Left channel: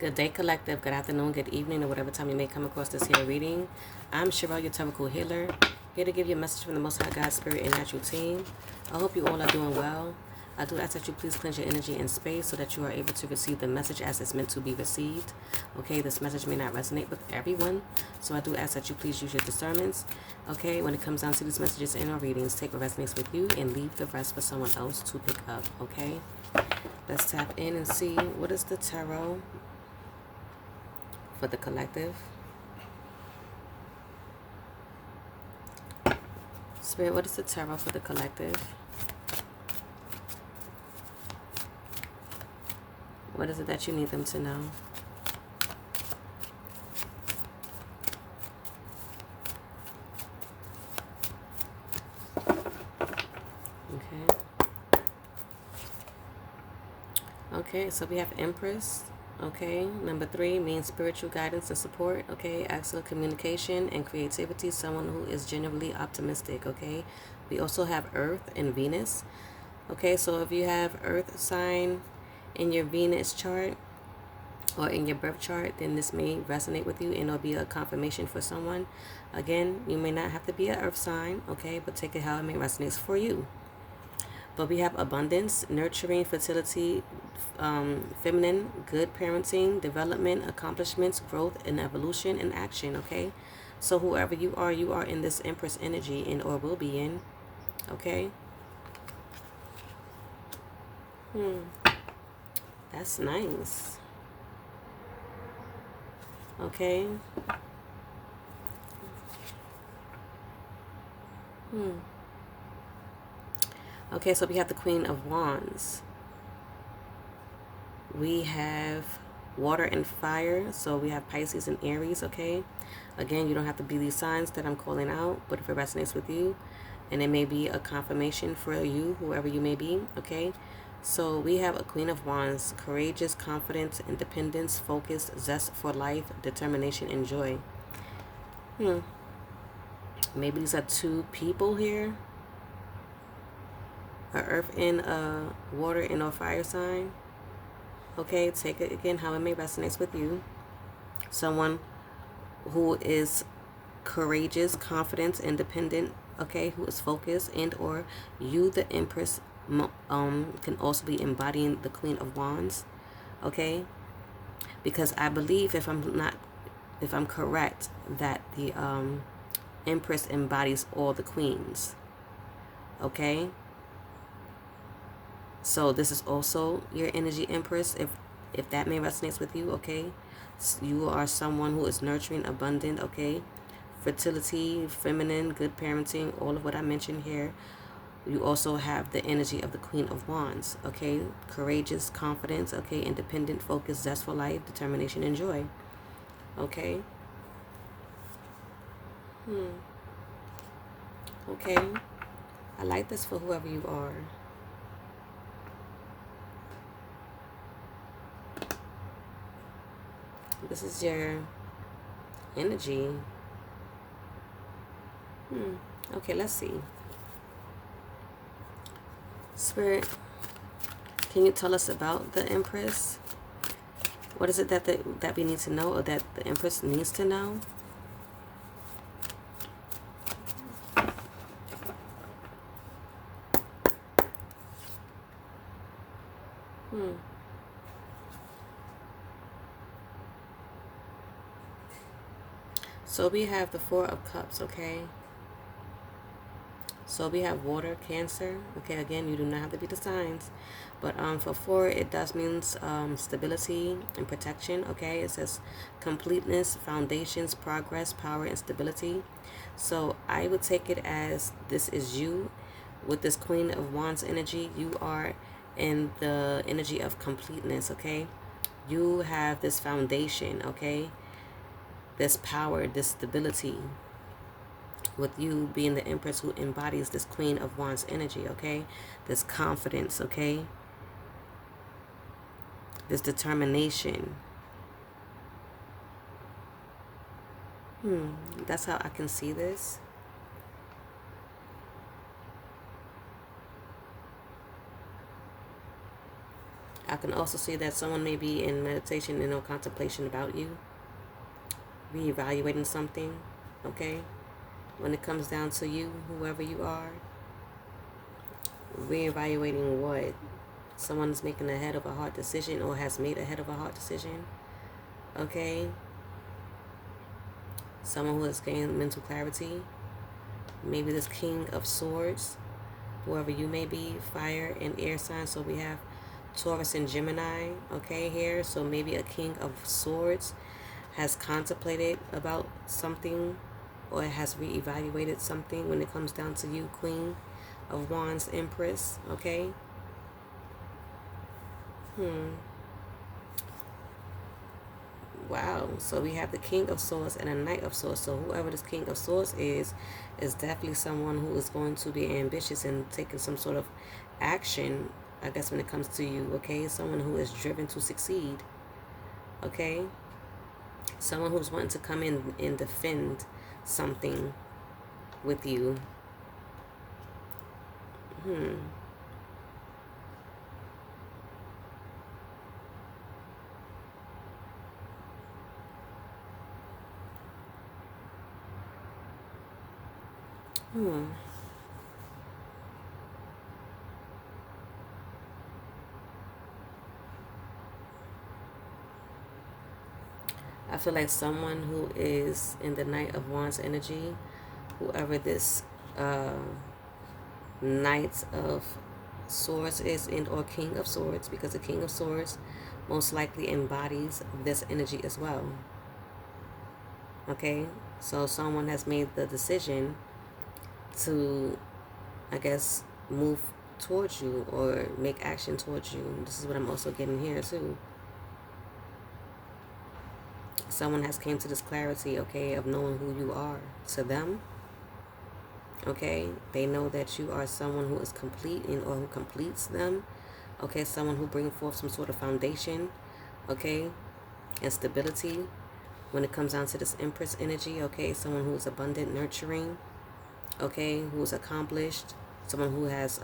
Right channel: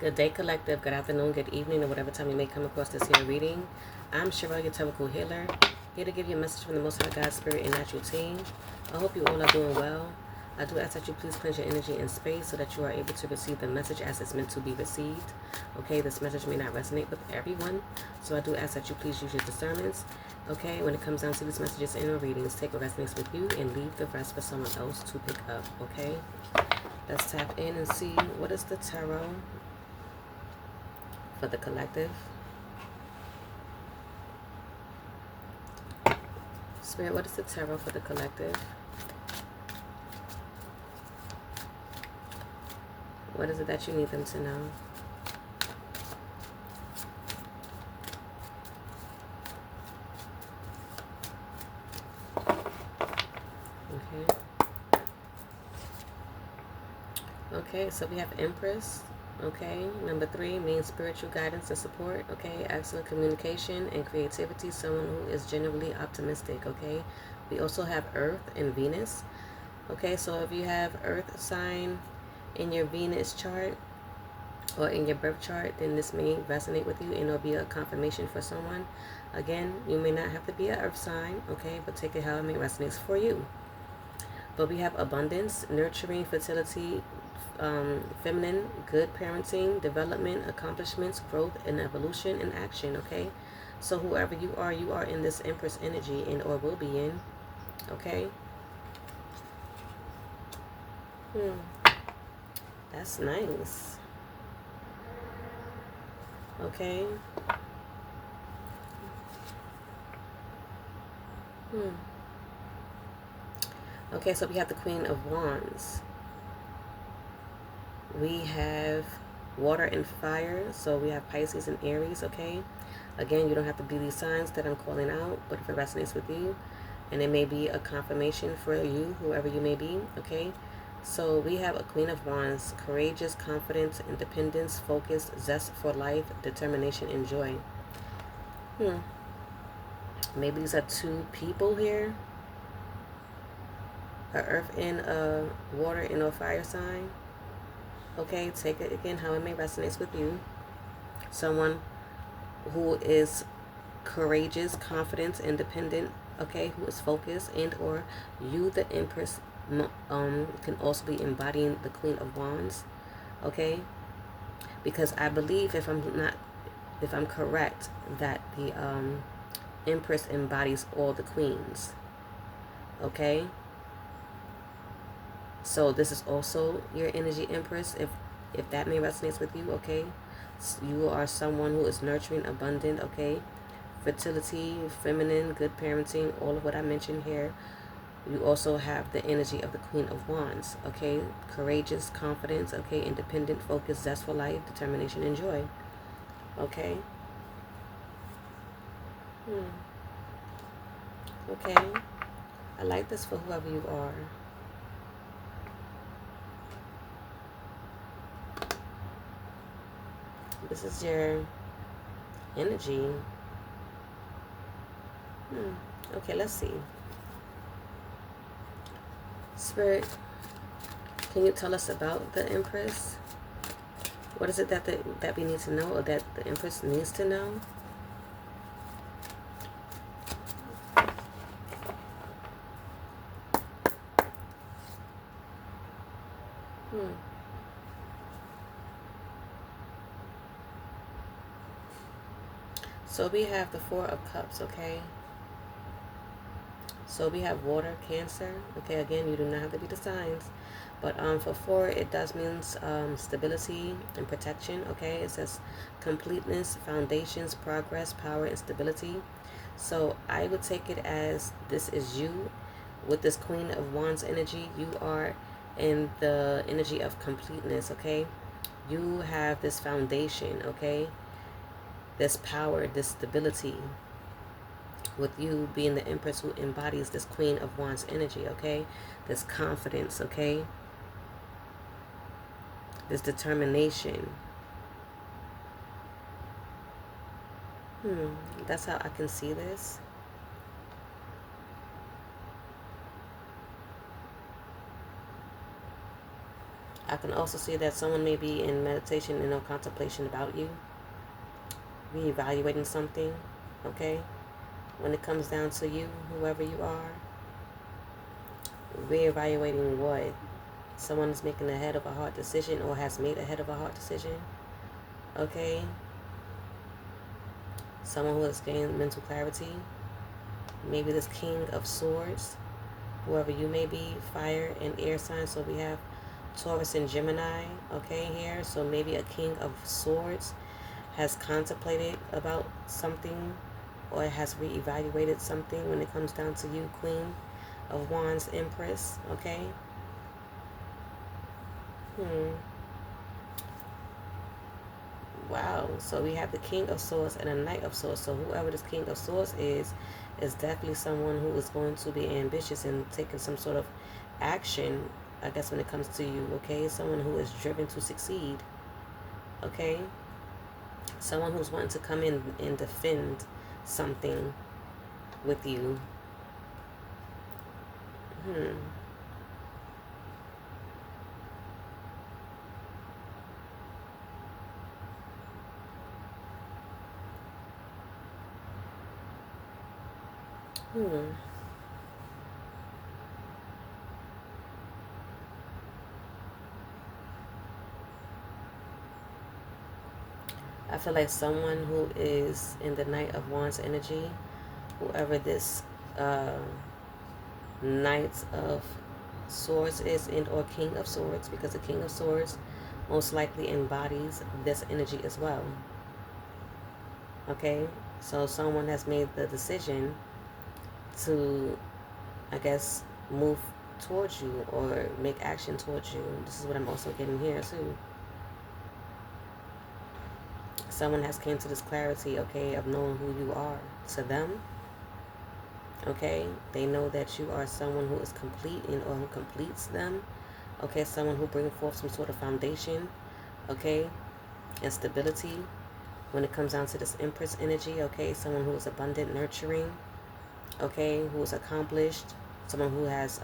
Good day, collective. Good afternoon, good evening, or whatever time you may come across this here reading. I'm Cheryl, your Tarot healer, here to give you a message from the Most High God, Spirit, and Natural Team. I hope you all are doing well. I do ask that you please cleanse your energy and space so that you are able to receive the message as it's meant to be received. Okay, this message may not resonate with everyone, so I do ask that you please use your discernments. Okay, when it comes down to these messages and or readings, take what resonates with you and leave the rest for someone else to pick up. Okay, let's tap in and see what is the tarot for the collective. Spirit, what is the tarot for the collective? What is it that you need them to know? Okay. Okay, so we have Empress. Okay, number 3 means spiritual guidance and support. Okay, excellent communication and creativity, someone who is genuinely optimistic. Okay, we also have Earth and Venus. Okay, so if you have Earth sign in your Venus chart or in your birth chart, then this may resonate with you and it'll be a confirmation for someone. Again, you may not have to be an Earth sign, okay, but take it how it may resonate for you. But we have abundance, nurturing, fertility, feminine, good parenting, development, accomplishments, growth, and evolution and action, okay? So whoever you are in this Empress energy and or will be in, okay? That's nice. Okay. Okay, so we have the Queen of Wands. We have water and fire, so we have Pisces and Aries, okay? Again, you don't have to be these signs that I'm calling out, but if it resonates with you, and it may be a confirmation for you, whoever you may be, okay? So we have a Queen of Wands, courageous, confidence, independence, focus, zest for life, determination, and joy. Maybe these are two people here. A earth and a water and a fire sign. Okay, take it again how it may resonate with you. Someone who is courageous, confident, independent, okay, who is focused, and or you, the Empress, can also be embodying the Queen of Wands, okay? Because I believe, if I'm correct, that the Empress embodies all the queens, okay? So this is also your energy, Empress, if that may resonate with you, okay? You are someone who is nurturing, abundant, okay? Fertility, feminine, good parenting, all of what I mentioned here. You also have the energy of the Queen of Wands, okay? Courageous, confidence, okay? Independent, focused, zestful life, determination, and joy, okay? Okay. I like this for whoever you are. This is your energy. Okay, let's see. Spirit, can you tell us about the Empress? What is it that we need to know, or that the Empress needs to know? So we have the Four of Cups, okay? So we have water, Cancer. Okay, again, you do not have to be the signs. But for 4, it does mean stability and protection, okay? It says completeness, foundations, progress, power, and stability. So I would take it as this is you with this Queen of Wands energy. You are in the energy of completeness, okay? You have this foundation, okay? This power, this stability, with you being the Empress who embodies this Queen of Wands energy, okay? This confidence, okay? This determination. That's how I can see this. I can also see that someone may be in meditation and or contemplation about you, reevaluating something, okay? When it comes down to you, whoever you are, reevaluating what? Someone is making a head of a heart decision or has made a head of a heart decision, okay? Someone who has gained mental clarity, maybe this King of Swords, whoever you may be, fire and air signs. So we have Taurus and Gemini, okay, here. So maybe a King of Swords has contemplated about something or has reevaluated something when it comes down to you, Queen of Wands, Empress, okay? Wow. So we have the King of Swords and a Knight of Swords. So whoever this King of Swords is definitely someone who is going to be ambitious and taking some sort of action, I guess, when it comes to you, okay? Someone who is driven to succeed, okay? Someone who's wanting to come in and defend something with you. I feel like someone who is in the Knight of Wands energy, whoever this Knight of Swords is, and or King of Swords, because the King of Swords most likely embodies this energy as well. Okay, so someone has made the decision to, I guess, move towards you or make action towards you. This is what I'm also getting here too. Someone has came to this clarity, okay, of knowing who you are to them. Okay, they know that you are someone who is complete and or who completes them. Okay, someone who brings forth some sort of foundation, okay, and stability when it comes down to this Empress energy. Okay, someone who is abundant, nurturing, okay, who is accomplished, someone who has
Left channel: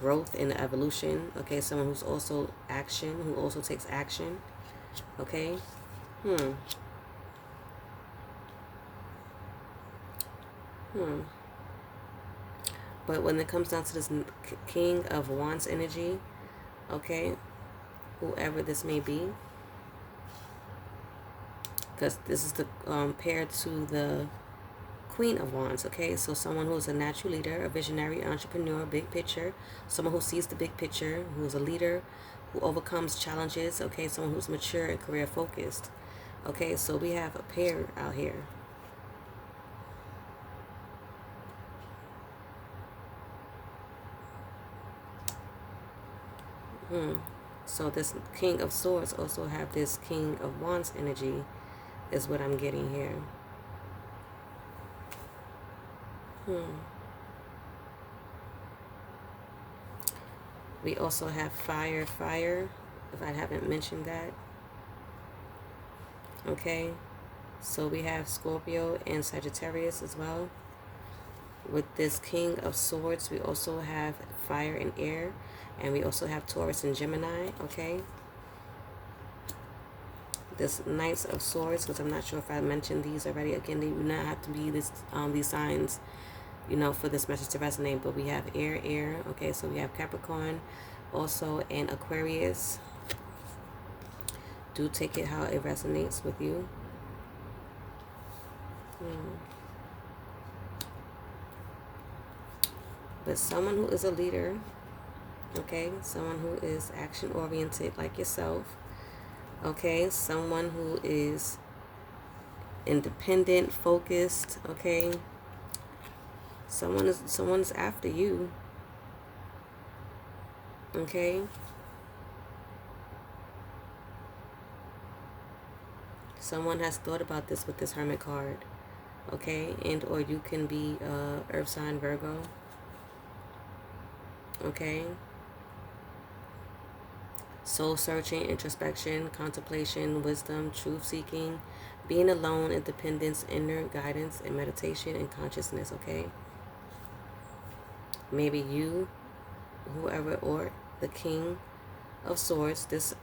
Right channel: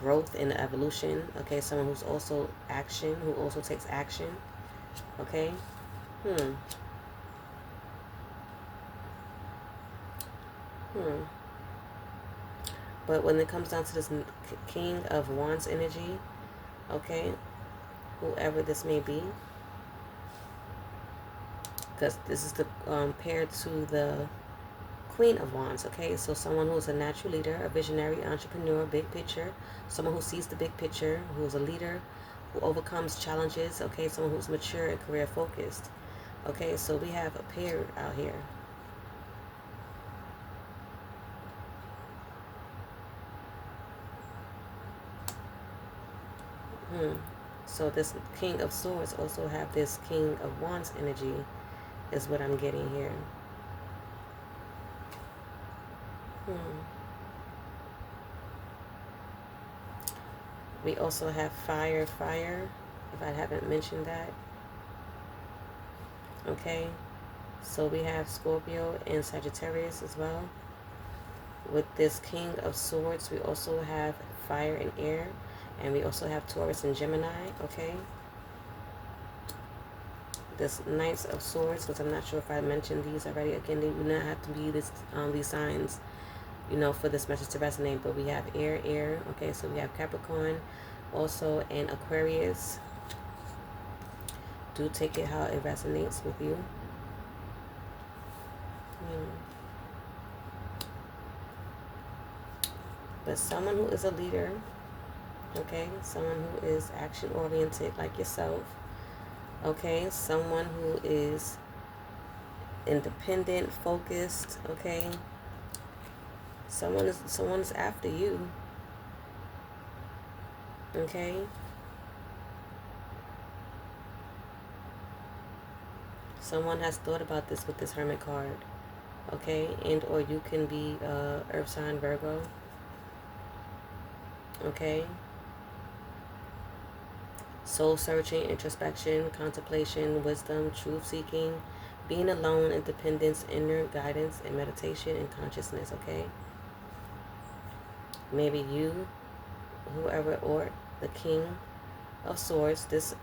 growth and evolution. Okay, someone who's also action, who also takes action. Okay. But when it comes down to this King of Wands energy, okay, whoever this may be, because this is the paired to the Queen of Wands, okay? So someone who's a natural leader, a visionary, entrepreneur, big picture, someone who sees the big picture, who is a leader, who overcomes challenges, okay? Someone who's mature and career focused. Okay, so we have a pair out here. So this King of Swords also have this King of Wands energy is what I'm getting here. We also have fire, if I haven't mentioned that. Okay, so we have Scorpio and Sagittarius as well. With this King of Swords, we also have fire and air, and we also have Taurus and Gemini, okay? This Knights of Swords, because I'm not sure if I mentioned these already. Again, they do not have to be this these signs, you know, for this message to resonate, but we have air, okay? So we have Capricorn, also, and Aquarius. Do take it how it resonates with you. But someone who is a leader, okay, someone who is action oriented like yourself, okay, someone who is independent, focused, okay, someone's after you, okay. Someone has thought about this with this Hermit card, okay, and or you can be Earth sign Virgo, okay. Soul searching, introspection, contemplation, wisdom, truth seeking, being alone, independence, inner guidance, and meditation and consciousness, okay. Maybe you, whoever, or the King of Swords, this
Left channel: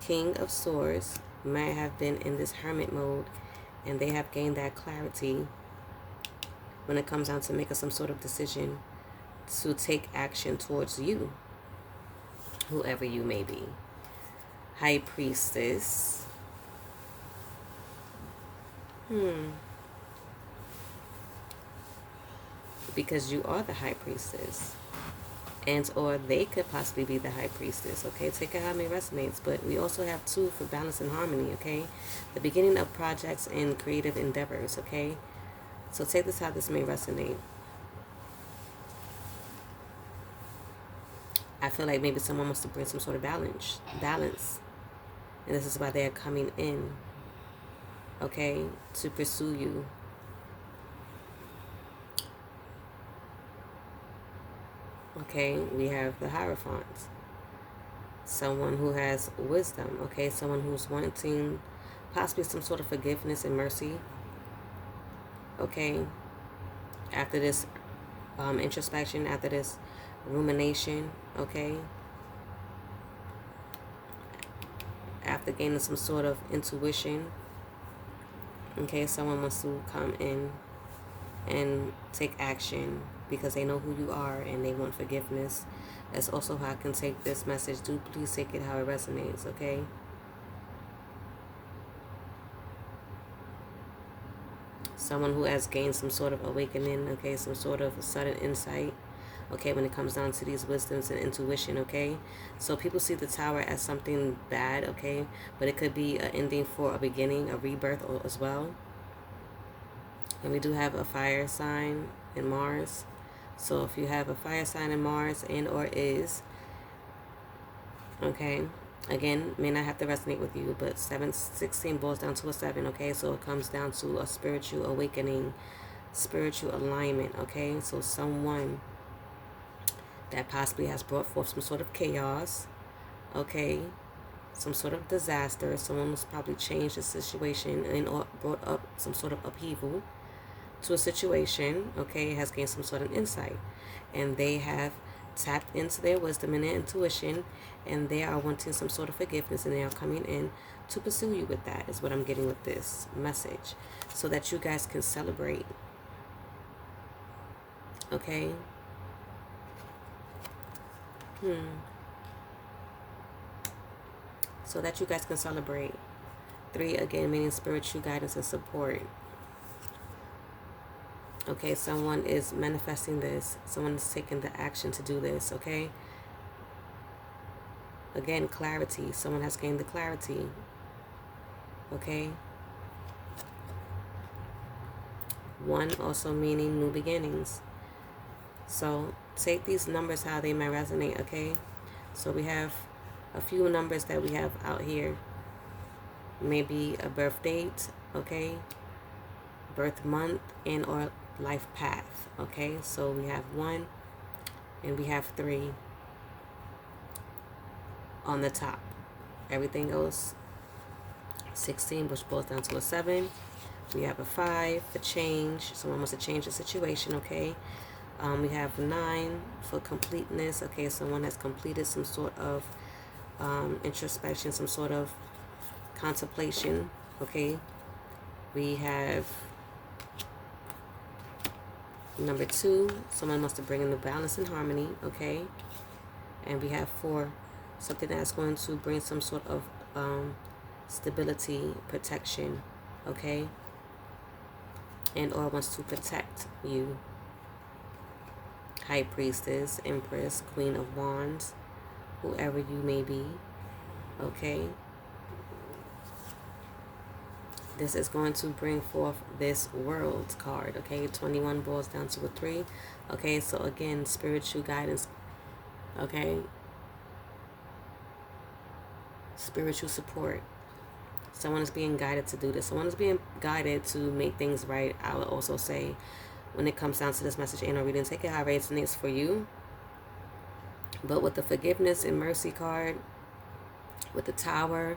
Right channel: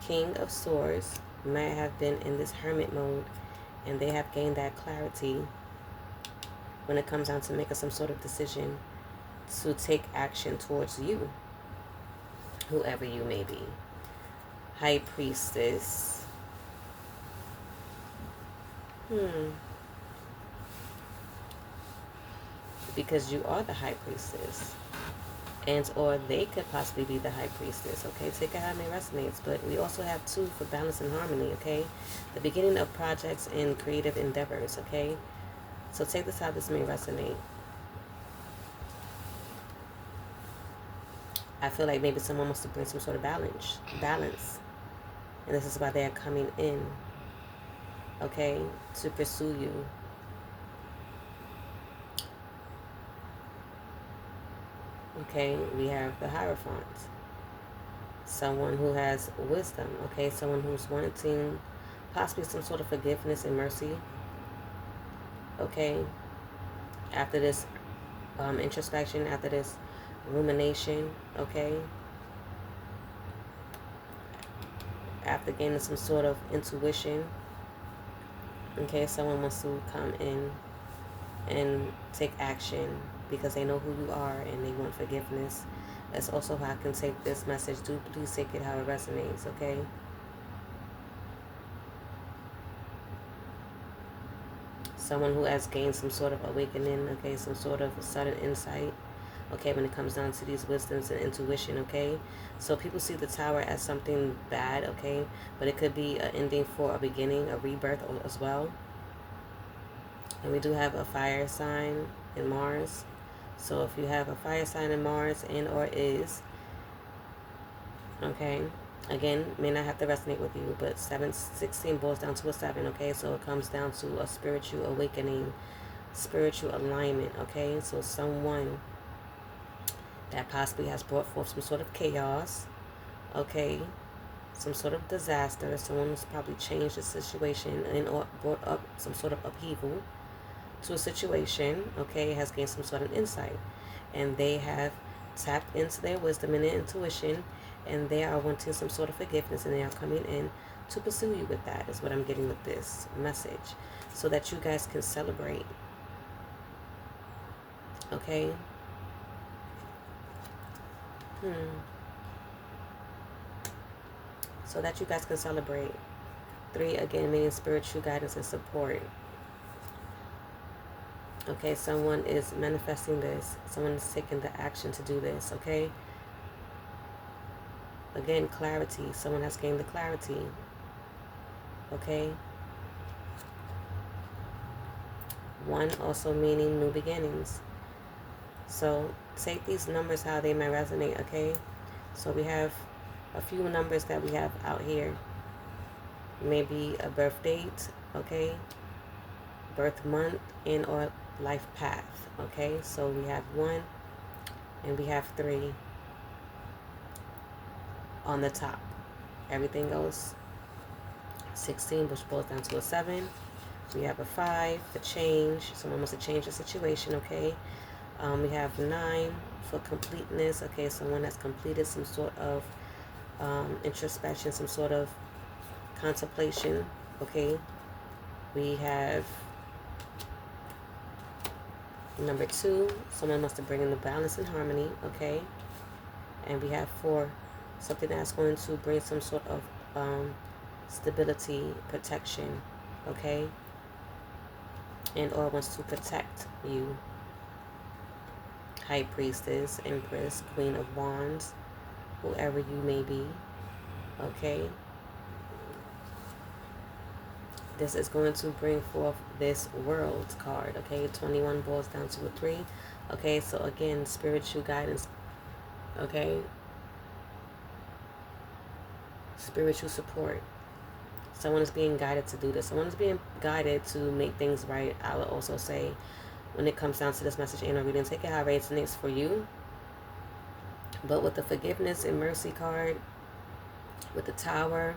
King of Swords might have been in this hermit mode, and they have gained that clarity when it comes down to making some sort of decision to take action towards you, whoever you may be. High Priestess. Because you are the High Priestess. And or they could possibly be the High Priestess, okay? Take it how it may resonates. But we also have 2 for balance and harmony, okay? The beginning of projects and creative endeavors, okay? So take this how this may resonate. I feel like maybe someone wants to bring some sort of balance. And this is why they are coming in, okay, to pursue you. Okay, we have the Hierophant. Someone who has wisdom, okay? Someone who's wanting possibly some sort of forgiveness and mercy, okay? After this introspection, after this rumination, okay? After gaining some sort of intuition, okay? Someone wants to come in and take action because they know who you are and they want forgiveness. That's also how I can take this message. Do please take it how it resonates, okay? Someone who has gained some sort of awakening, okay? Some sort of sudden insight, okay, when it comes down to these wisdoms and intuition, okay? So people see the Tower as something bad, okay? But it could be an ending for a beginning, a rebirth as well. And we do have a fire sign in Mars. So if you have a fire sign in Mars and or is, okay, again, may not have to resonate with you, but 716 boils down to a 7, okay? So it comes down to a spiritual awakening, spiritual alignment, okay? So someone that possibly has brought forth some sort of chaos, okay? Some sort of disaster. Someone who's probably changed the situation and or brought up some sort of upheaval to a situation, okay, has gained some sort of insight, and they have tapped into their wisdom and their intuition, and they are wanting some sort of forgiveness, and they are coming in to pursue you with that, is what I'm getting with this message, so that you guys can celebrate, okay? So that you guys can celebrate. 3, again, meaning spiritual guidance and support. Okay, someone is manifesting this. Someone is taking the action to do this, okay? Again, clarity. Someone has gained the clarity, okay? 1 also meaning new beginnings. So take these numbers how they may resonate, okay? So we have a few numbers that we have out here. Maybe a birth date, okay? Birth month and or life path, okay? So we have 1 and we have 3 on the top. Everything else 16, which boils down to a 7. We have a 5 for change. Someone wants to change the situation, okay? We have 9 for completeness, okay? Someone has completed some sort of introspection, some sort of contemplation, okay? We have number 2, someone wants to bring in the balance and harmony, okay? And we have 4, something that's going to bring some sort of stability, protection, okay? And or wants to protect you. High Priestess, Empress, Queen of Wands, whoever you may be, okay? This is going to bring forth this World card, okay? 21 boils down to a 3, okay? So again, spiritual guidance, okay? Spiritual support. Someone is being guided to do this. Someone is being guided to make things right. I would also say, when it comes down to this message and reading, take it how it resonates for you. But with the forgiveness and mercy card, with the Tower,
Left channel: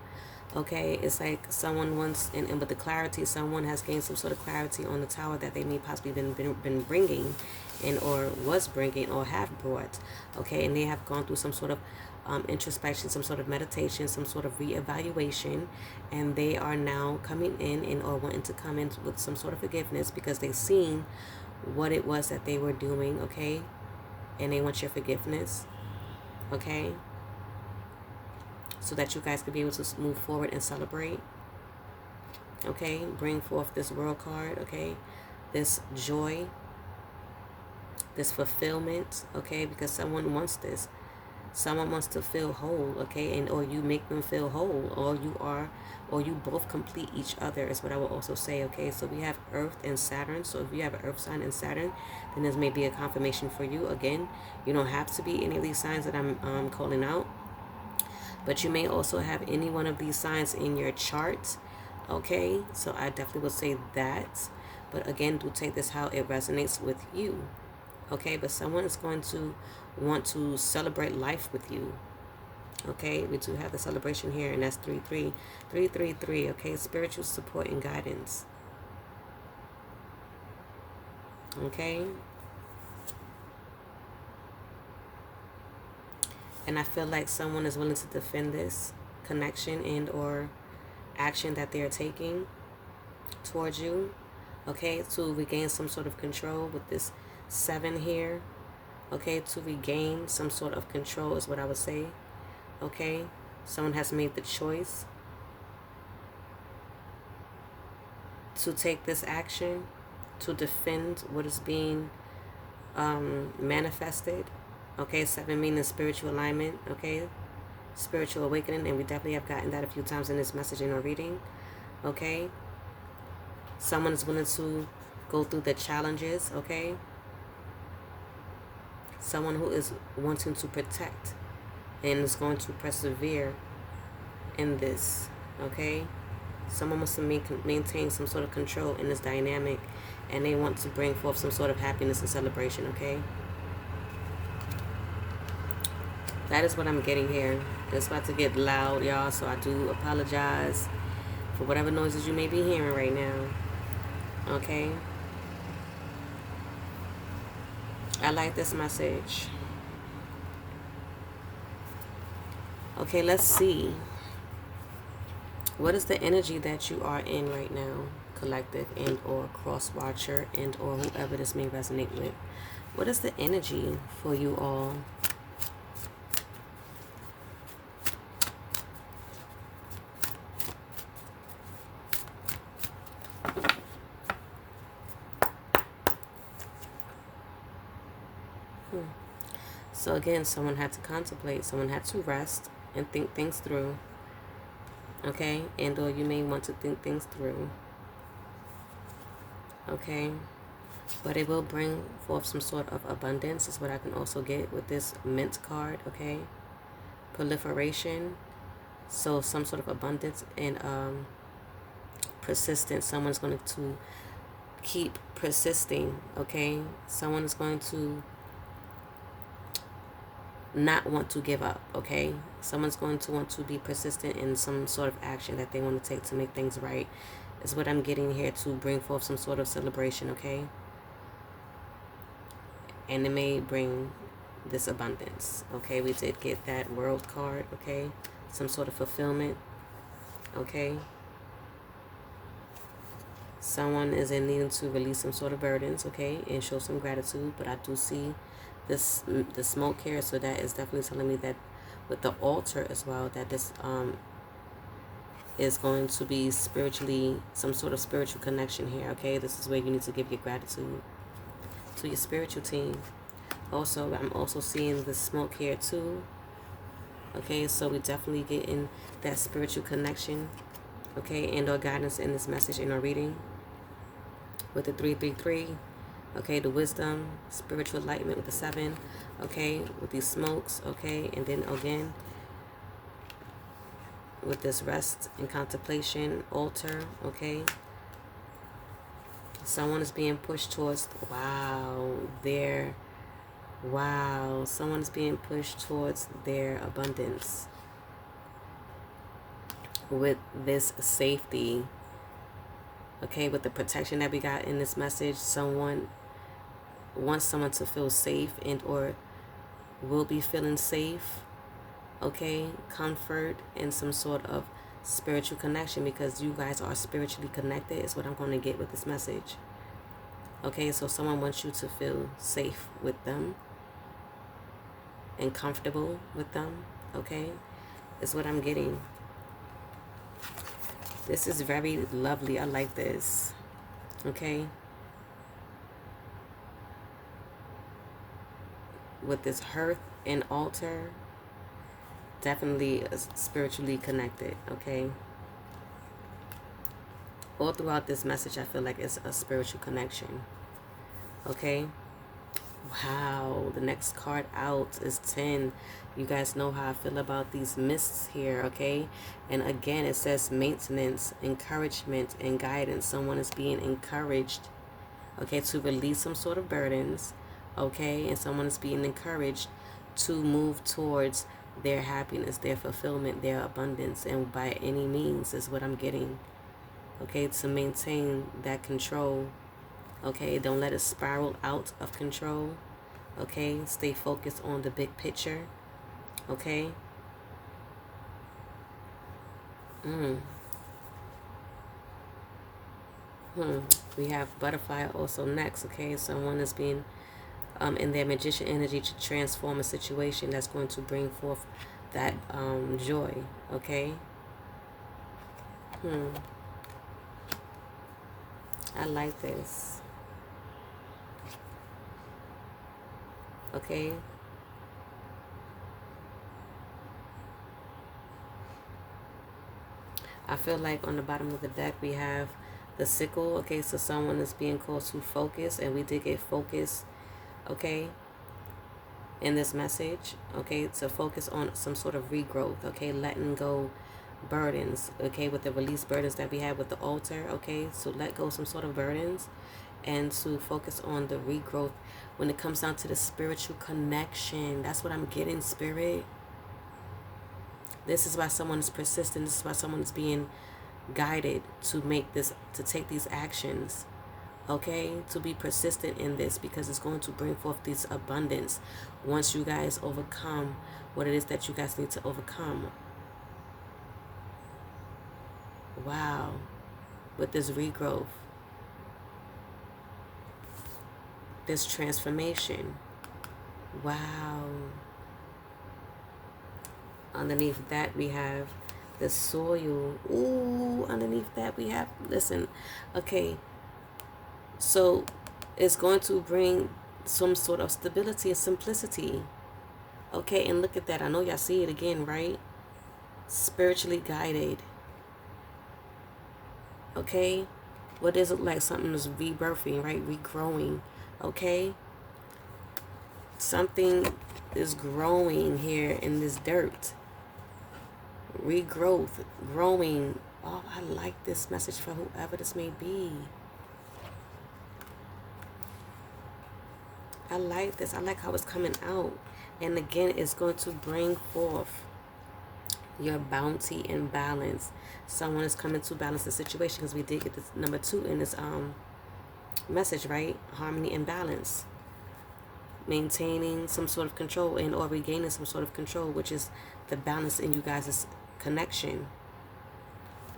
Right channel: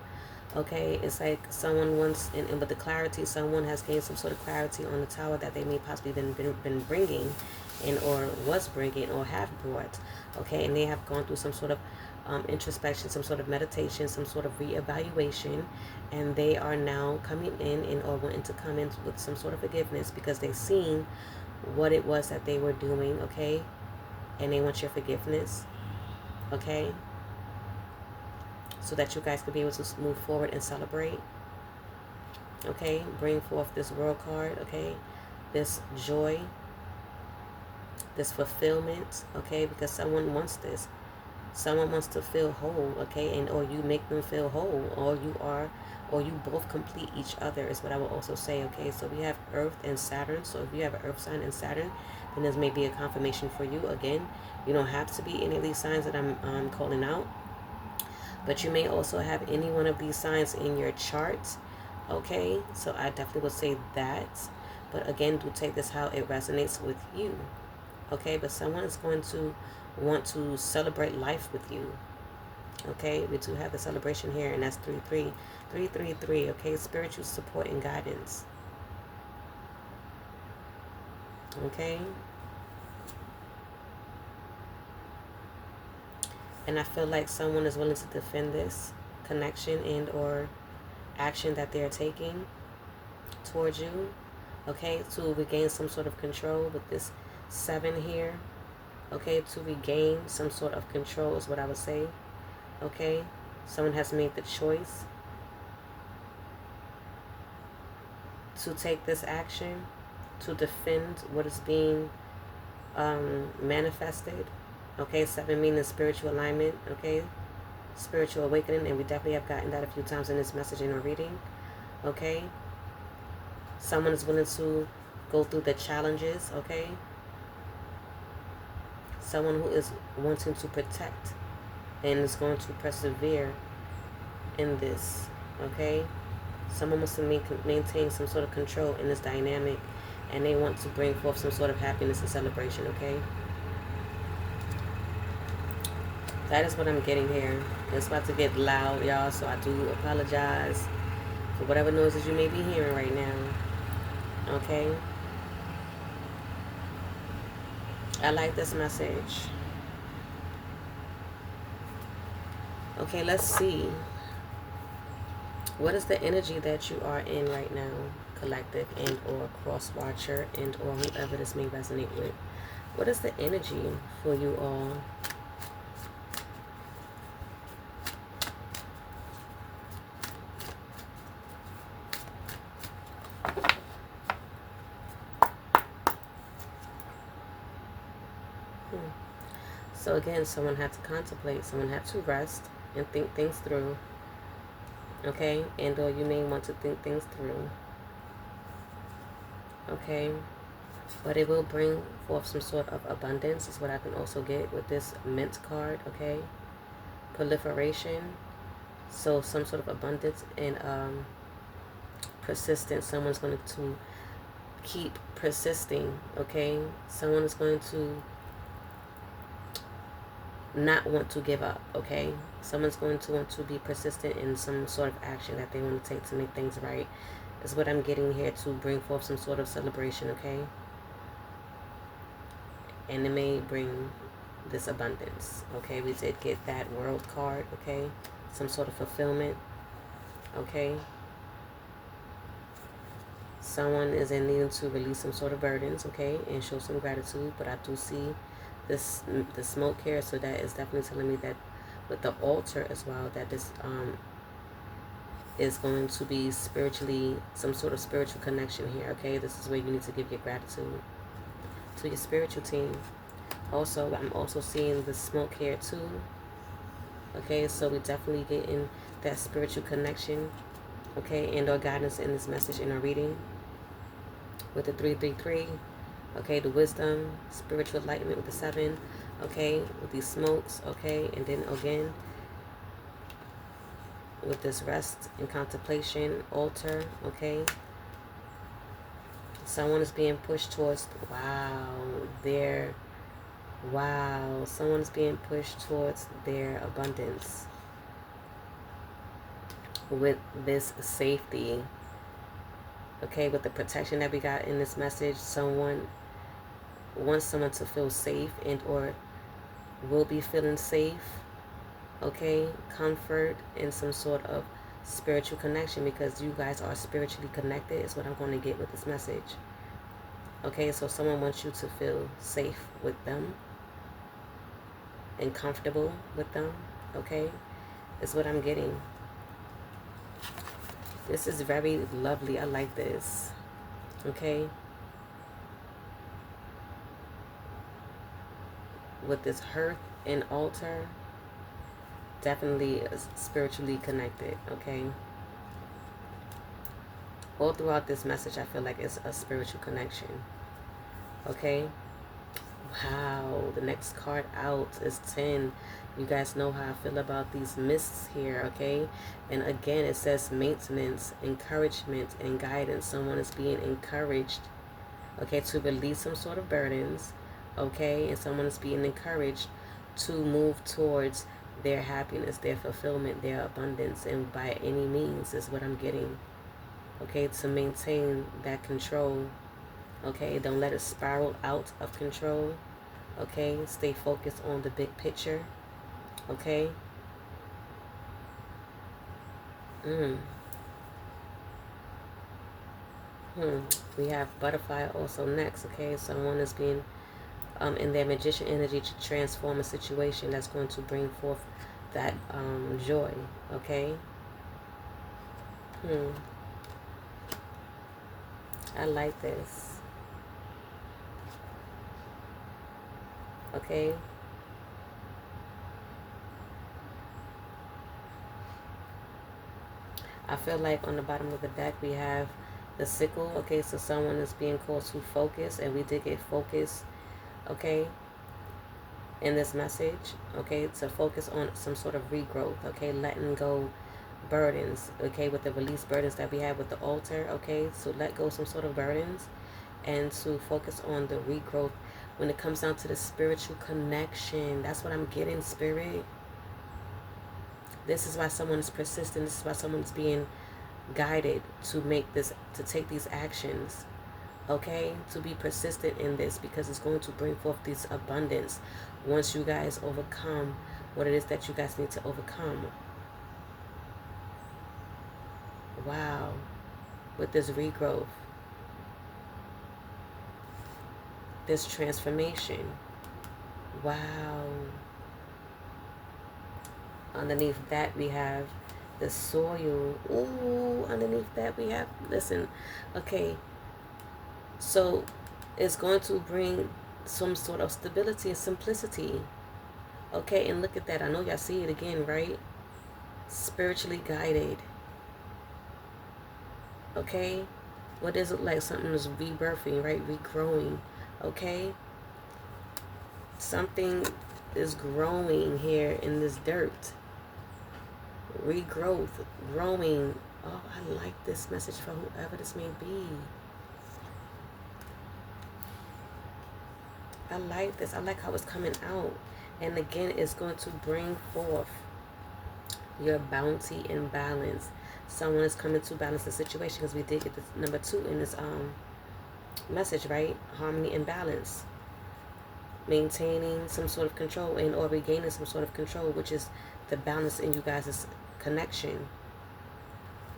okay, it's like someone wants, and with the clarity, someone has gained some sort of clarity on the Tower that they may possibly been bringing, and or was bringing or have brought, okay, and they have gone through some sort of introspection, some sort of meditation, some sort of reevaluation, and they are now coming in and or wanting to come in with some sort of forgiveness because they've seen what it was that they were doing, okay? And they want your forgiveness, okay? So that you guys could be able to move forward and celebrate, okay? Bring forth this World card, okay? This joy, this fulfillment, okay? Because someone wants this. Someone wants to feel whole, okay? And or you make them feel whole, or you both complete each other is what I will also say, okay? So we have Earth and Saturn. So if you have an Earth sign and Saturn, then this may be a confirmation for you. Again, you don't have to be any of these signs that I'm calling out, but you may also have any one of these signs in your chart, okay? So I definitely would say that. But again, do take this how it resonates with you, okay? But someone is going to want to celebrate life with you, okay? We do have the celebration here, and that's 333, okay? Spiritual support and guidance, okay? And I feel like someone is willing to defend this connection and or action that they are taking towards you, okay? To regain some sort of control with this 7 here, okay? To regain some sort of control is what I would say, okay? Someone has made the choice to take this action, to defend what is being manifested, okay? 7 meaning spiritual alignment, okay? Spiritual awakening, and we definitely have gotten that a few times in this message in our reading, okay? Someone is willing to go through the challenges, okay? Someone who is wanting to protect and is going to persevere in this, okay? Someone wants to maintain some sort of control in this dynamic, and they want to bring forth some sort of happiness and celebration, okay? That is what I'm getting here. It's about to get loud, y'all, so I do apologize for whatever noises you may be hearing right now, okay? I like this message. Okay, let's see. What is the energy that you are in right now, collective and or cross watcher and or whoever this may resonate with? What is the energy for you all? So again, someone had to contemplate, someone had to rest and think things through, okay? And or you may want to think things through, okay? But it will bring forth some sort of abundance is what I can also get with this Mint card, okay? Proliferation, so some sort of abundance and persistence. Someone's going to keep persisting, okay? Someone is going to not want to give up, okay? Someone's going to want to be persistent in some sort of action that they want to take to make things right is what I'm getting here, to bring forth some sort of celebration, okay? And it may bring this abundance, okay? We did get that World card, okay? Some sort of fulfillment, okay? Someone is in need to release some sort of burdens, okay? And show some gratitude, but I do see the smoke here, so that is definitely telling me that with the altar as well, that this is going to be spiritually, some sort of spiritual connection here, okay? This is where you need to give your gratitude to your spiritual team. Also, I'm also seeing the smoke here too, okay? So we definitely get in that spiritual connection, okay? And or guidance in this message in our reading with the 333. Okay, the wisdom, spiritual enlightenment with the 7, okay, with these smokes, okay, and then again, with this rest and contemplation, altar, okay. Someone is being pushed towards, someone is being pushed towards their abundance with this safety, okay, with the protection that we got in this message. Someone wants someone to feel safe and or will be feeling safe, okay, comfort, and some sort of spiritual connection, because you guys are spiritually connected is what I'm going to get with this message. Okay, so someone wants you to feel safe with them and comfortable with them. Okay, is what I'm getting. This is very lovely. I like this. Okay, with this hearth and altar, definitely spiritually connected. Okay, all throughout this message I feel like it's a spiritual connection. Okay, wow, the next card out is 10. You guys know how I feel about these mists here. Okay, and again it says maintenance, encouragement, and guidance. Someone is being encouraged, okay, to release some sort of burdens, okay, and someone is being encouraged to move towards their happiness, their fulfillment, their abundance, and by any means is what I'm getting. Okay, to maintain that control. Okay, don't let it spiral out of control. Okay, stay focused on the big picture. Okay. We have butterfly also next. Okay, someone is being in their magician energy to transform a situation that's going to bring forth that joy. Okay. I like this. Okay. I feel like on the bottom of the deck we have the sickle. Okay, so someone is being called to focus, and we did get focus, okay, in this message. Okay, to focus on some sort of regrowth. Okay, letting go burdens. Okay, with the release burdens that we have with the altar. Okay, so let go some sort of burdens and to focus on the regrowth when it comes down to the spiritual connection. That's what I'm getting, Spirit. This is why someone is persistent. This is why someone is being guided to make this, to take these actions. Okay, to be persistent in this, because it's going to bring forth this abundance once you guys overcome what it is that you guys need to overcome. Wow, with this regrowth, this transformation. Wow. Underneath that we have the soil. Ooh, underneath that we have, listen, okay, so it's going to bring some sort of stability and simplicity. Okay, and look at that. I know y'all see it again, right? Spiritually guided. Okay, what does it look like? Something is rebirthing, right? Regrowing. Okay, something is growing here in this dirt. Regrowth, growing. Oh, I like this message for whoever this may be. I like this. I like how it's coming out. And again, it's going to bring forth your bounty and balance. Someone is coming to balance the situation, because we did get this number 2 in this message, right? Harmony and balance. Maintaining some sort of control and or regaining some sort of control, which is the balance in you guys' connection.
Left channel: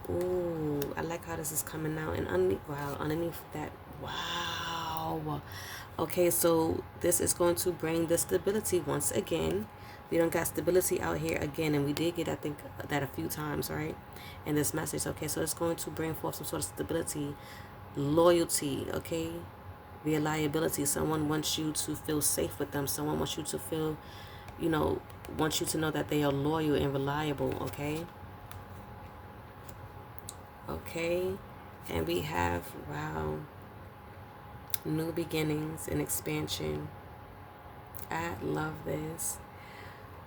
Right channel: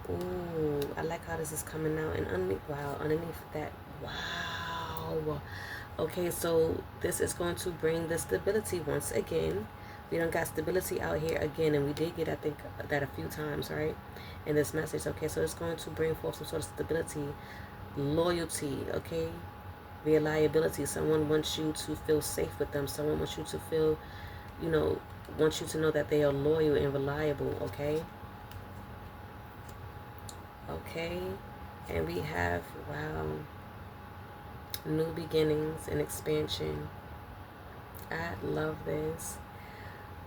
Ooh, I like how this is coming out. And underneath that, wow. Okay, so this is going to bring the stability once again. We don't got stability out here again, and we did get, I think, that a few times, right, in this message. Okay, so it's going to bring forth some sort of stability, loyalty, okay, reliability. Someone wants you to feel safe with them. Someone wants you to feel, wants you to know that they are loyal and reliable, okay? Okay, and we have, wow, new beginnings and expansion. I love this.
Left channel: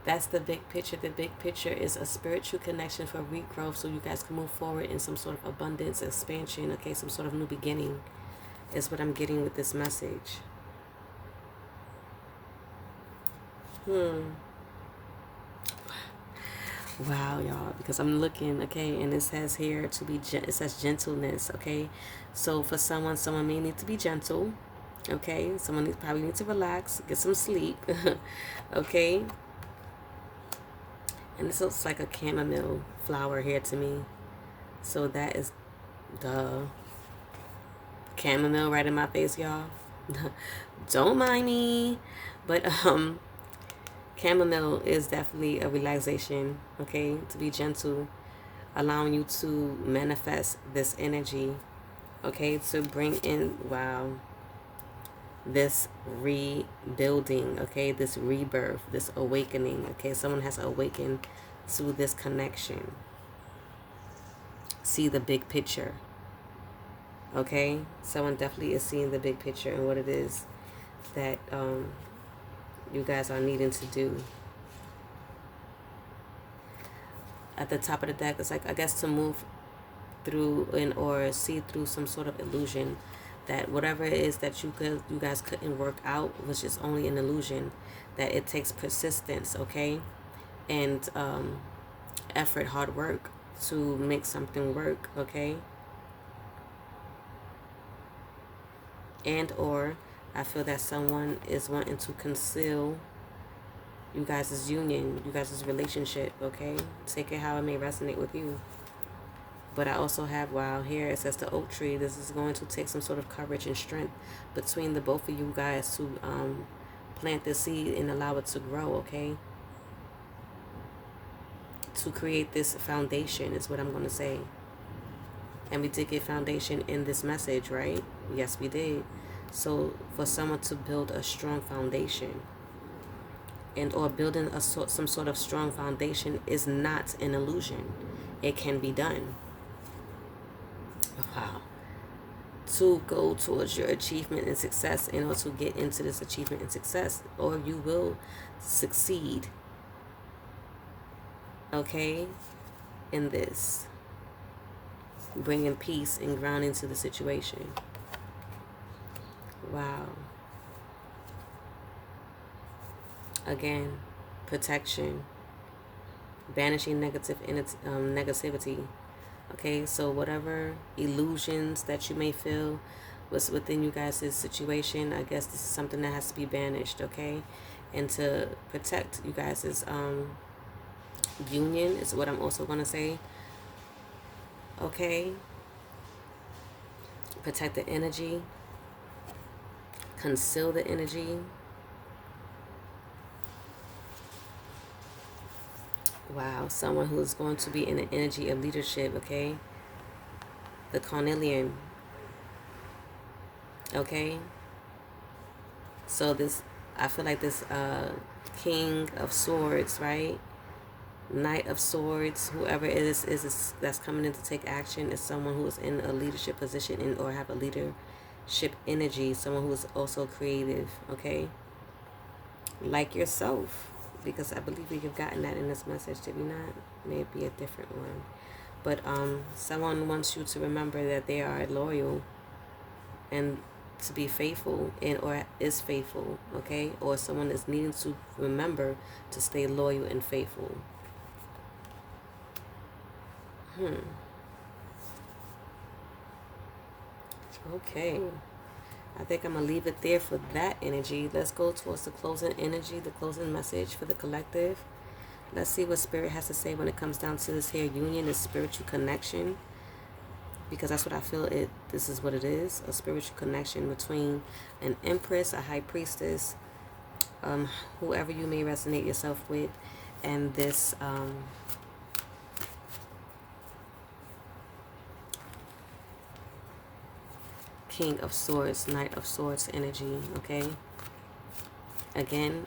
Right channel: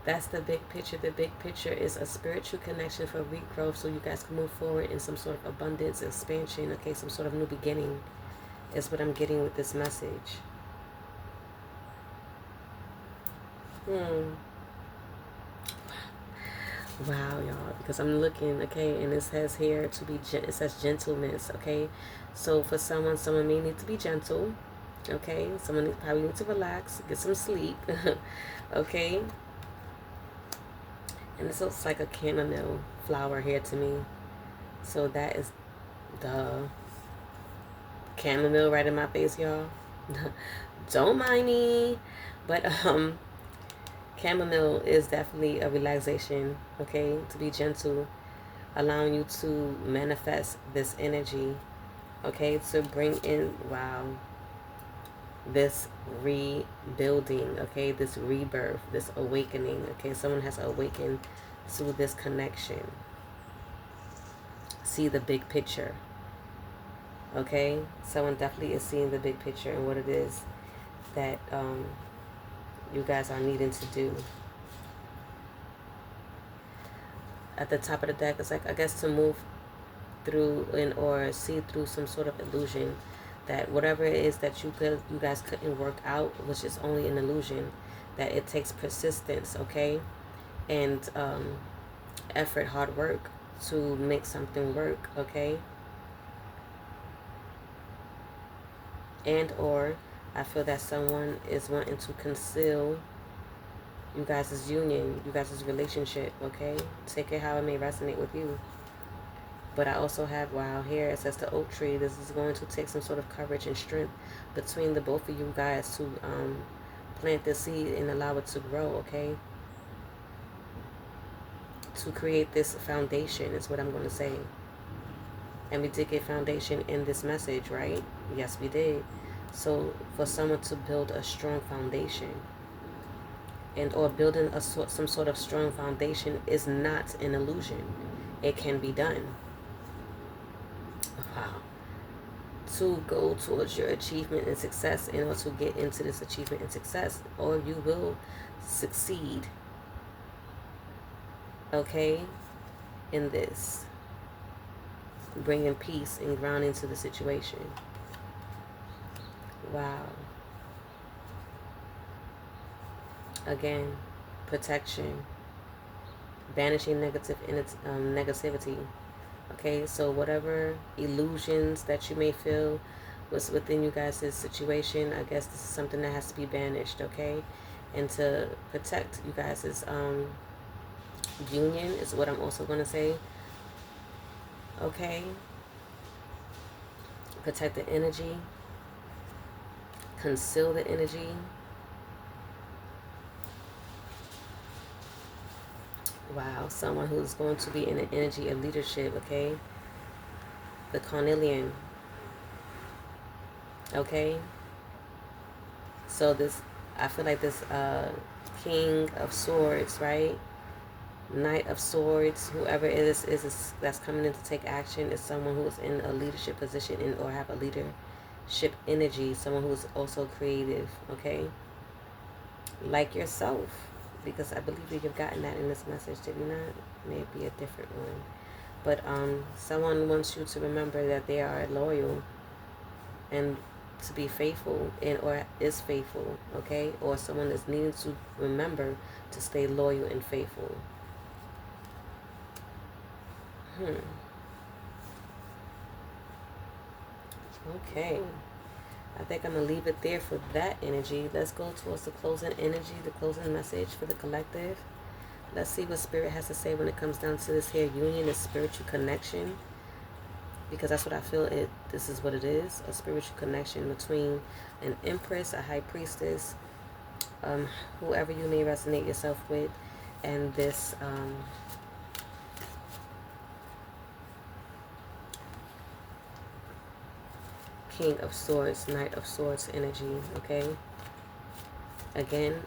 That's the big picture. The big picture is a spiritual connection for regrowth, so you guys can move forward in some sort of abundance, expansion, okay, some sort of new beginning is what I'm getting with this message. Wow, y'all, because I'm looking, okay, and it says here to be, it says gentleness, okay? So for someone may need to be gentle, okay? Someone probably needs to relax, get some sleep, okay? And this looks like a chamomile flower here to me. So that is the chamomile right in my face, y'all. Don't mind me. But chamomile is definitely a relaxation, okay? To be gentle, allowing you to manifest this energy, okay? To bring in, wow, this rebuilding, okay? This rebirth, this awakening, okay? Someone has awakened to this connection. See the big picture, okay? Someone definitely is seeing the big picture and what it is that you guys are needing to do. At the top of the deck, it's like, I guess, to move through or see through some sort of illusion, that whatever it is that you guys couldn't work out, which is only an illusion, that it takes persistence, okay, and effort, hard work to make something work, okay. And or I feel that someone is wanting to conceal you guys' union, you guys' relationship, okay? Take it how it may resonate with you. But I also have, wow, here it says the oak tree. This is going to take some sort of courage and strength between the both of you guys to plant the seed and allow it to grow, okay? To create this foundation is what I'm going to say. And we did get foundation in this message, right? Yes, we did. So for someone to build a strong foundation, and or building some sort of strong foundation is not an illusion. It can be done. Wow. To go towards your achievement and success, and or to get into this achievement and success, or you will succeed, okay, in this. Bringing peace and grounding to the situation. Wow. Again, protection, banishing negativity. Okay, so whatever illusions that you may feel was within you guys' situation, I guess this is something that has to be banished, okay? And to protect you guys' union is what I'm also going to say. Okay? Protect the energy. Conceal the energy. Wow, someone who's going to be in an energy of leadership, okay? The carnelian. Okay? So this, I feel like this King of Swords, right? Knight of Swords, whoever it is that's coming in to take action is someone who is in a leadership position or have a leadership energy, someone who is also creative, okay? Like yourself. Because I believe we have gotten that in this message, did we not? Maybe a different one. But someone wants you to remember that they are loyal and to be faithful and or is faithful, okay? Or someone is needing to remember to stay loyal and faithful. Okay. I think I'm going to leave it there for that energy. Let's go towards the closing energy, the closing message for the collective. Let's see what Spirit has to say when it comes down to this here union, this spiritual connection. Because that's what I feel this is what it is, a spiritual connection between an empress, a high priestess, whoever you may resonate yourself with, and this King of Swords, Knight of Swords energy, okay? Again,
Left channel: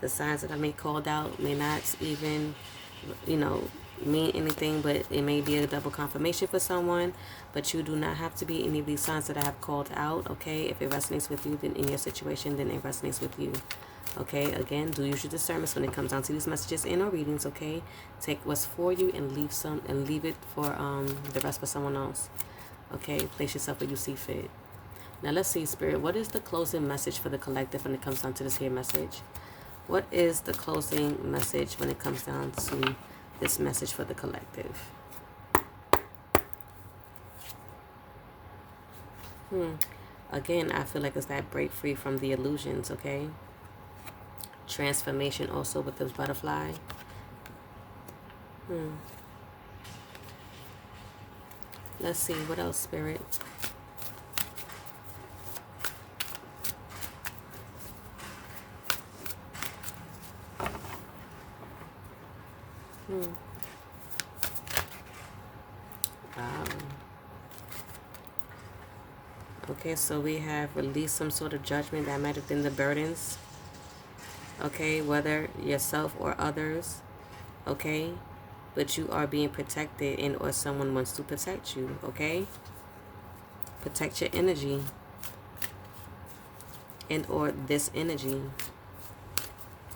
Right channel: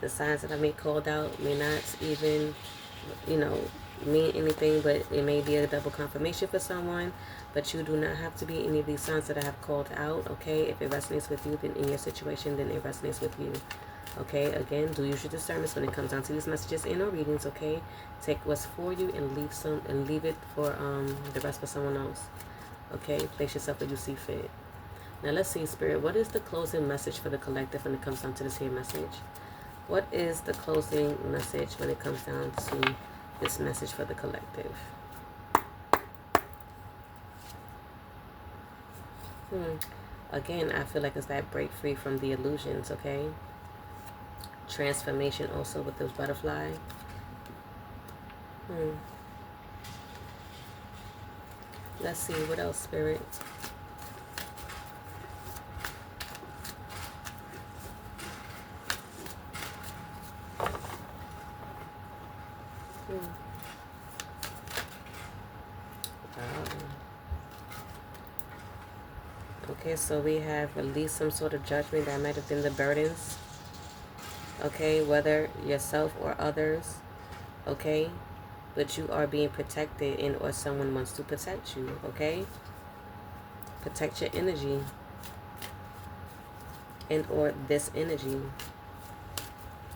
the signs that I may called out may not even, mean anything, but it may be a double confirmation for someone, but you do not have to be any of these signs that I have called out, okay? If it resonates with you, then in your situation, then it resonates with you, okay? Again, do use your discernment when it comes down to these messages and or readings, okay? Take what's for you and leave it for the rest for someone else. Okay, place yourself where you see fit. Now let's see, Spirit, what is the closing message for the collective when it comes down to this here message? What is the closing message when it comes down to this message for the collective? Again, I feel like it's that break free from the illusions, okay? Transformation also with this butterfly. Hmm. Let's see, what else, Spirit? Hmm. Okay, so we have released some sort of judgment that might have been the burdens. Okay, whether yourself or others. Okay, but you are being protected, and or someone wants to protect you. Okay, protect your energy, and or this energy,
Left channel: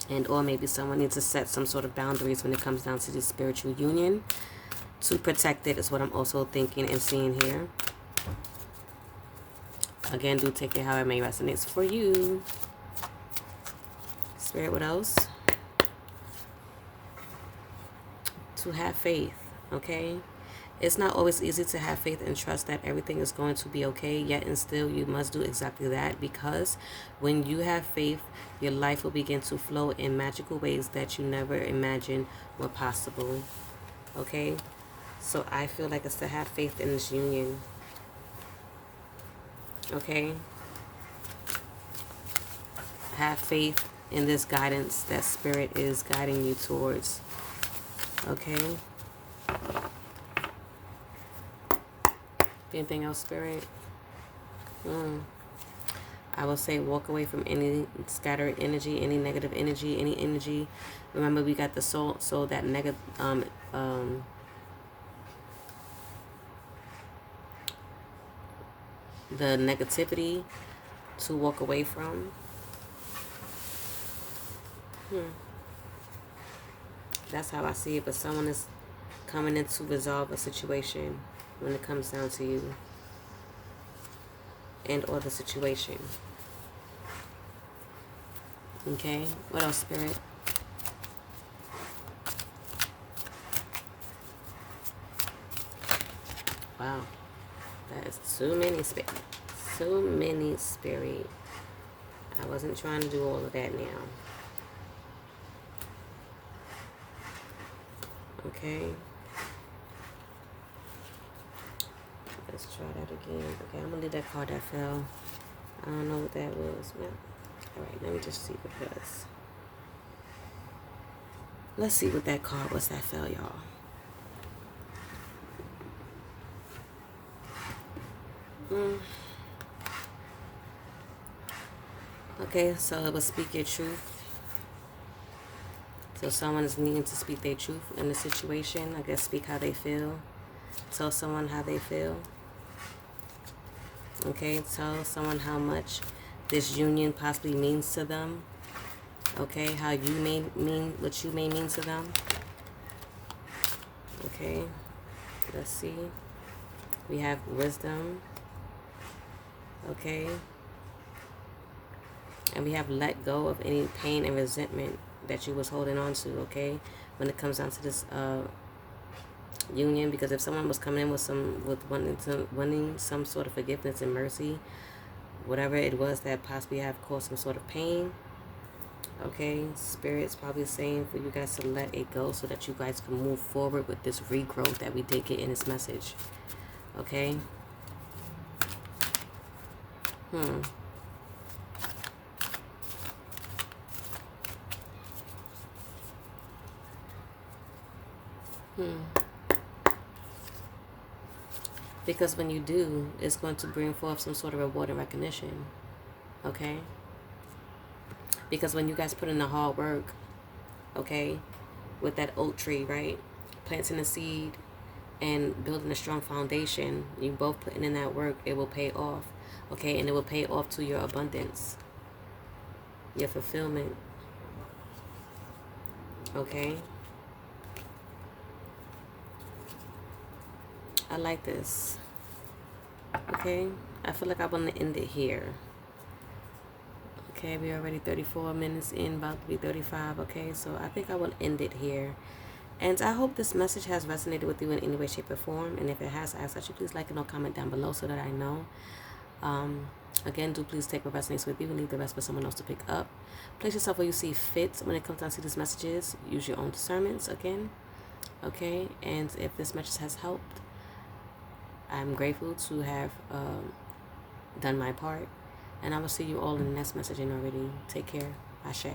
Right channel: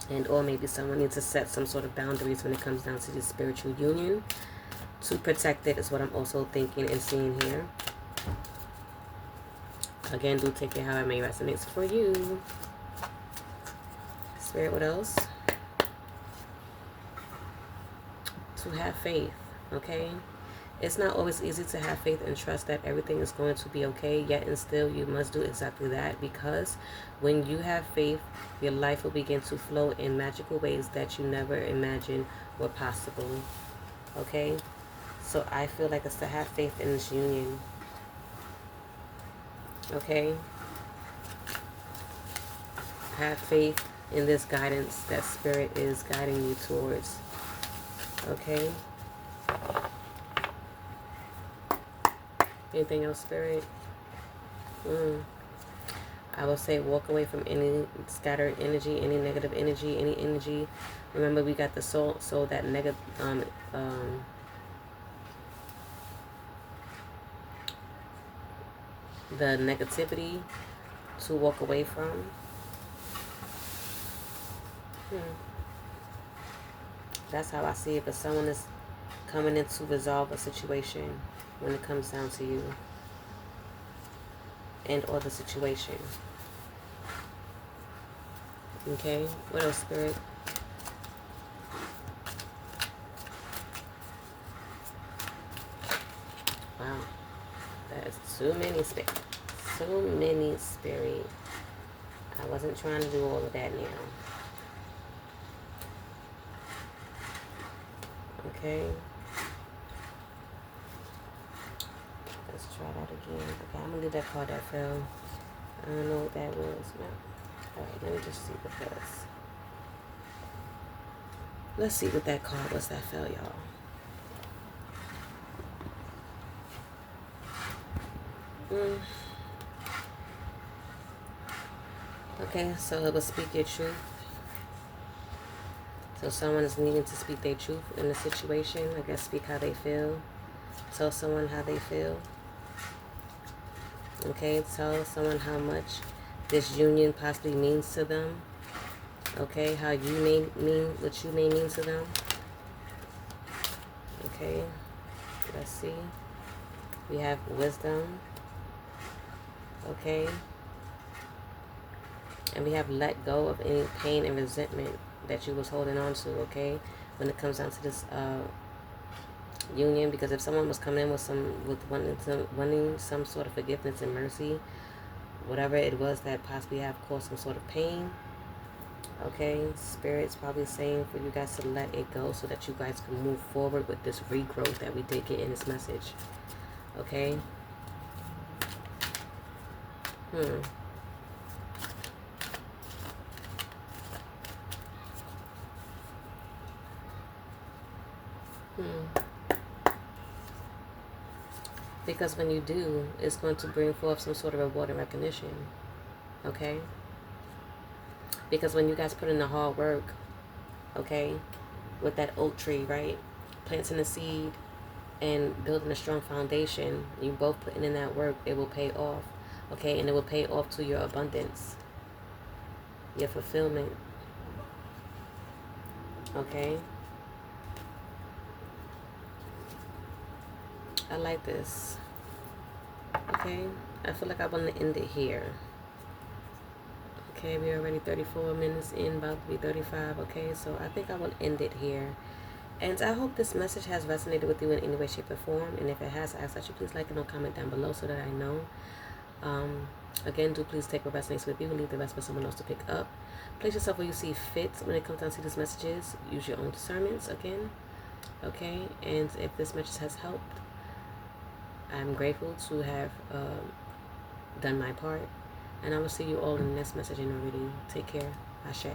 and or maybe someone needs to set some sort of boundaries when it comes down to this spiritual union to protect it, is what I'm also thinking and seeing here. Again, do take it how it may resonate for you. Spirit, what else? To have faith, okay? It's not always easy to have faith and trust that everything is going to be okay, yet and still you must do exactly that, because when you have faith, your life will begin to flow in magical ways that you never imagined were possible, okay? So I feel like it's to have faith in this union, okay? Have faith in this guidance that Spirit is guiding you towards, okay? Anything else, Spirit? I will say walk away from any scattered energy, any negative energy, any energy. Remember, we got the soul, so that negative, the negativity to walk away from. That's how I see it. But someone is coming in to resolve a situation when it comes down to you and or the situation. Okay, what else, Spirit? Wow, that is too many, Spirit. So many, Spirit. I wasn't trying to do all of that now. Okay. Let's try that again. Okay, I'm gonna leave that card that fell. I don't know what that was. Alright, let me just see what that is. Let's see what that card was that fell, y'all. Okay, so it will speak your truth. So someone is needing to speak their truth in the situation. I guess speak how they feel. Tell someone how they feel. Okay, tell someone how much this union possibly means to them. Okay, how you may mean, what you may mean to them. Okay, let's see. We have wisdom. Okay. And we have let go of any pain and resentment that you was holding on to, okay? When it comes down to this union, because if someone was coming in with wanting some sort of forgiveness and mercy, whatever it was that possibly have caused some sort of pain, okay, Spirit's probably saying for you guys to let it go so that you guys can move forward with this regrowth that we did get in this message, okay? Because when you do, it's going to bring forth some sort of reward and recognition, okay? Because when you guys put in the hard work, okay, with that oak tree, right, planting a seed and building a strong foundation, you both putting in that work, it will pay off, okay? And it will pay off to your abundance, your fulfillment, okay? I like this. Okay, I feel like I want to end it here. Okay, we're already 34 minutes in, about to be 35. Okay, so I think I will end it here. And I hope this message has resonated with you in any way, shape, or form. And if it has, I ask that you please like and or comment down below so that I know. Again, do please take what resonates with you and leave the rest for someone else to pick up. Place yourself where you see fit when it comes down to these messages. Use your own discernments, again. Okay, and if this message has helped, I'm grateful to have done my part. And I will see you all in the next messaging already. Take care. Ashe.